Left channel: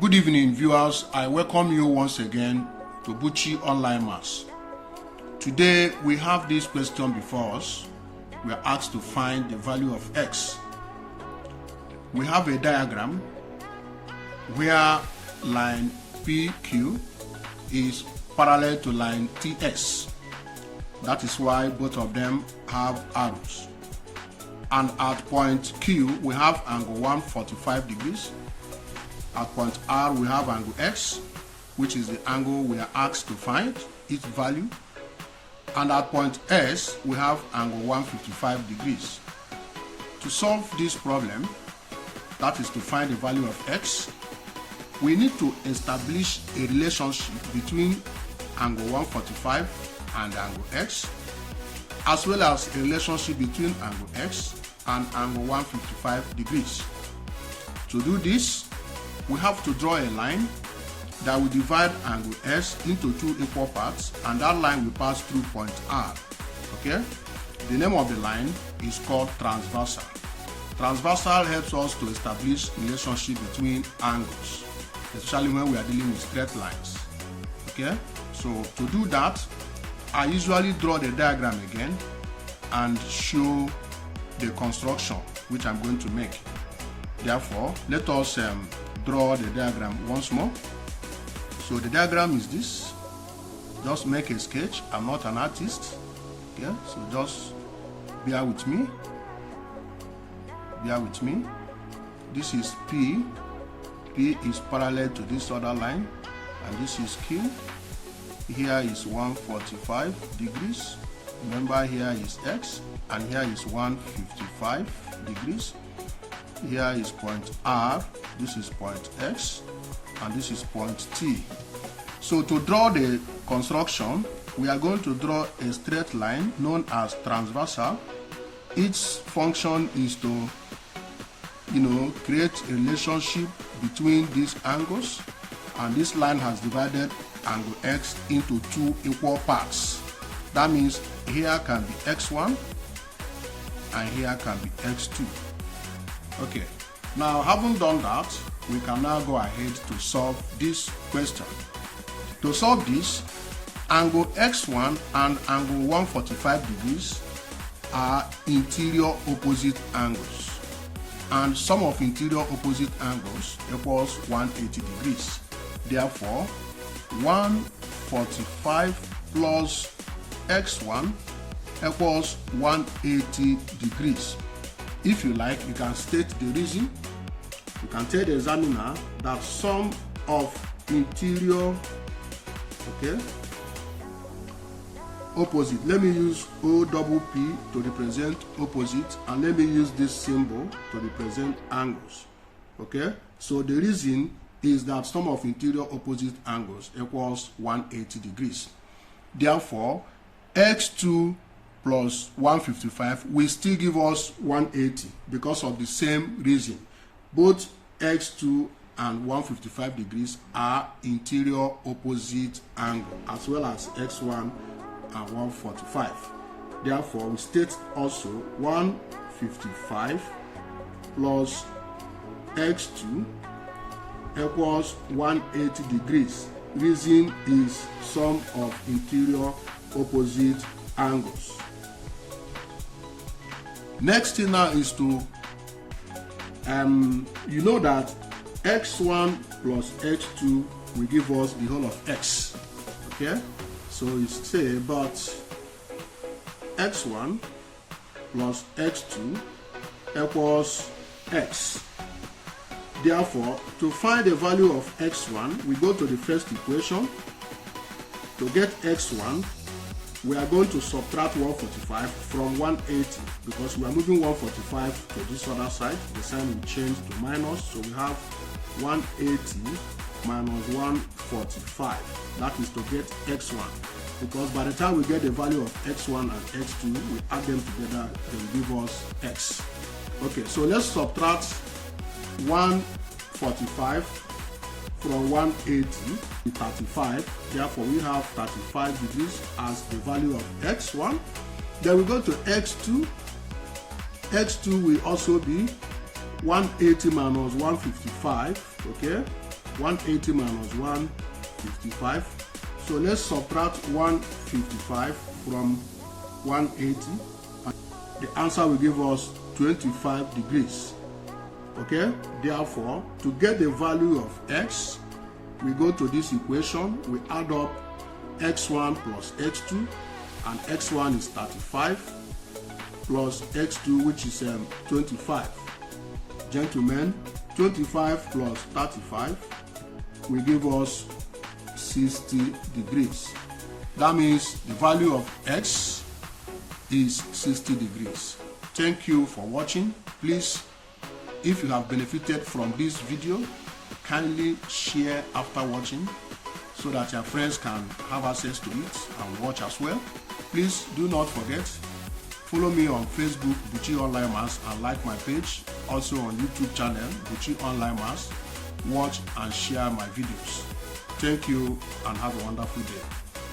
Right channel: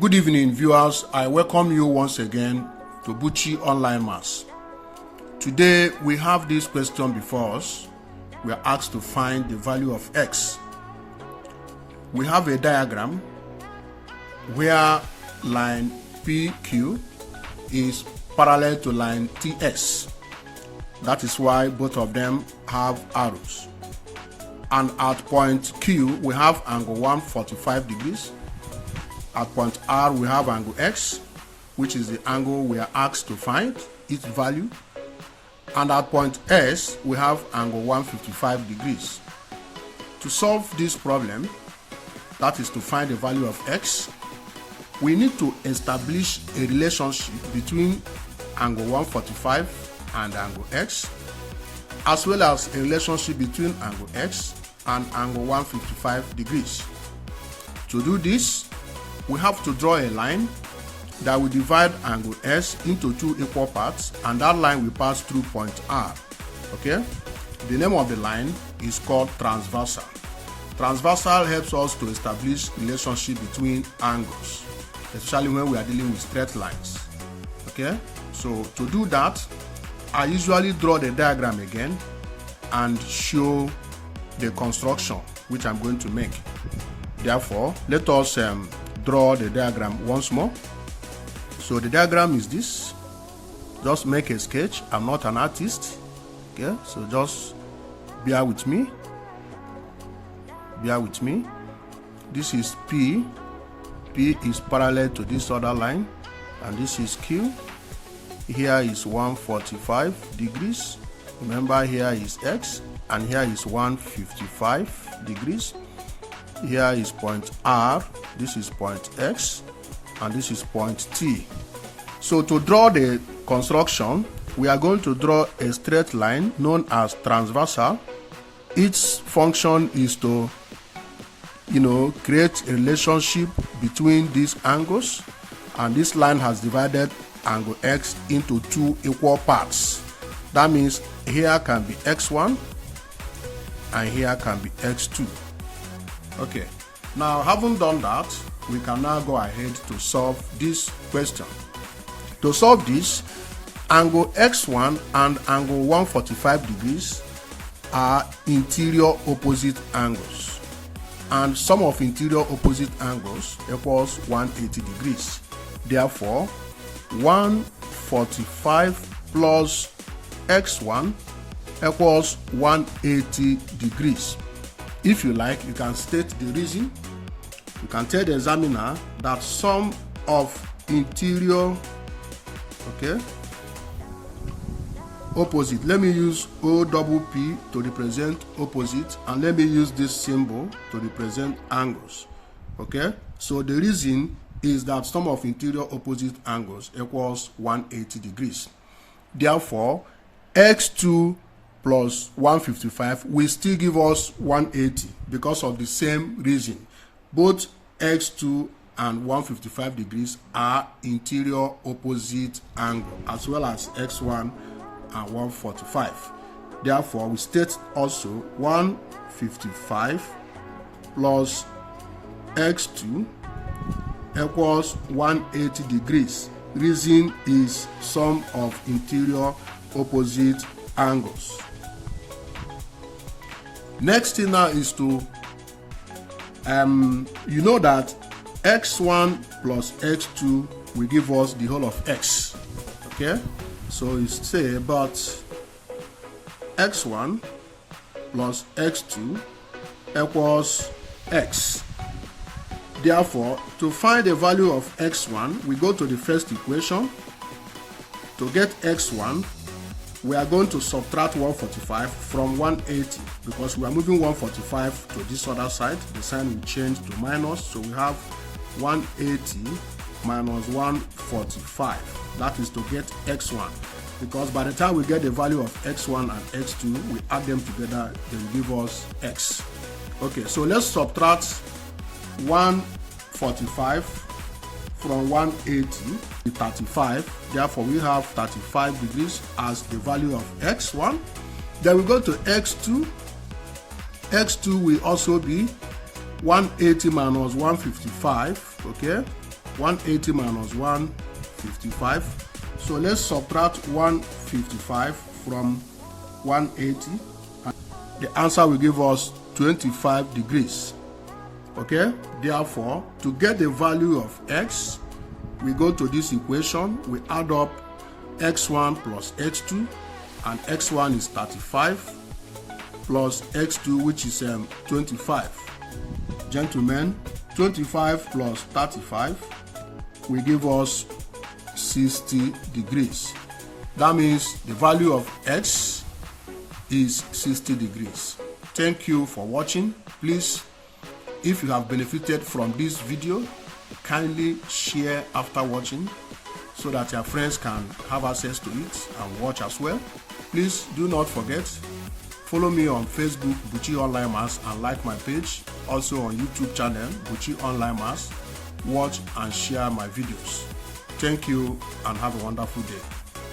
Good evening, viewers. I welcome you once again to Buchi Online Maths. Today we have this question before us. We are asked to find the value of x. We have a diagram where line PQ is parallel to line TS. That is why both of them have arrows. And at point Q, we have angle 145 degrees. At point R, we have angle X, which is the angle we are asked to find, its value. And at point S, we have angle 155 degrees. To solve this problem, that is to find the value of X, we need to establish a relationship between angle 145 and angle X, as well as a relationship between angle X and angle 155 degrees. To do this, we have to draw a line that will divide angle S into two equal parts, and that line will pass through point R. Okay? The name of the line is called transversal. Transversal helps us to establish relationship between angles, especially when we are dealing with straight lines. Okay? So to do that, I usually draw the diagram again and show the construction which I'm going to make. Therefore, let us draw the diagram once more. So the diagram is this. Just make a sketch. I'm not an artist. Okay, so just bear with me. Bear with me. This is P. P is parallel to this other line, and this is Q. Here is 145 degrees. Remember, here is X, and here is 155 degrees. Here is point R, this is point X, and this is point T. So to draw the construction, we are going to draw a straight line known as transversal. Its function is to, create a relationship between these angles, and this line has divided angle X into two equal parts. That means here can be X1 and here can be X2. Okay, now having done that, we can now go ahead to solve this question. To solve this, angle X1 and angle 145 degrees are interior opposite angles, and sum of interior opposite angles equals 180 degrees. Therefore, 145 plus X1 equals 180 degrees. If you like, you can state the reason. You can tell the examiner that sum of interior, opposite. Let me use OPP to represent opposite, and let me use this symbol to represent angles. Okay, so the reason is that sum of interior opposite angles equals 180 degrees. Therefore, X2 plus 155 will still give us 180 because of the same reason. Both X2 and 155 degrees are interior opposite angle, as well as X1 and 145. Therefore, we state also 155 plus X2 equals 180 degrees. Reason is sum of interior opposite angles. Next thing now is to, that X1 plus X2 will give us the whole of X. Okay, so you say about X1 plus X2 equals X. Therefore, to find the value of X1, we go to the first equation. To get X1, we are going to subtract 145 from 180 because we are moving 145 to this other side. The sign will change to minus, so we have 180 minus 145. That is to get X1, because by the time we get the value of X1 and X2, we add them together, they will give us X. Okay, so let's subtract 145 from 180 to 35. Therefore, we have 35 degrees as the value of X1. Then we go to X2. X2 will also be 180 minus 155, okay? 180 minus 155. So let's subtract 155 from 180. The answer will give us 25 degrees. Okay, therefore, to get the value of x, we go to this equation, we add up x1 plus x2, and x1 is 35 plus x2, which is 25. Gentlemen, 25 plus 35 will give us 60 degrees. That means the value of x is 60 degrees. Thank you for watching. Please, if you have benefited from this video, kindly share after watching so that your friends can have access to it and watch as well. Please do not forget, follow me on Facebook, Buchi Online Maths, and like my page. Also on YouTube channel, Buchi Online Maths. Watch and share my videos. Thank you and have a wonderful day.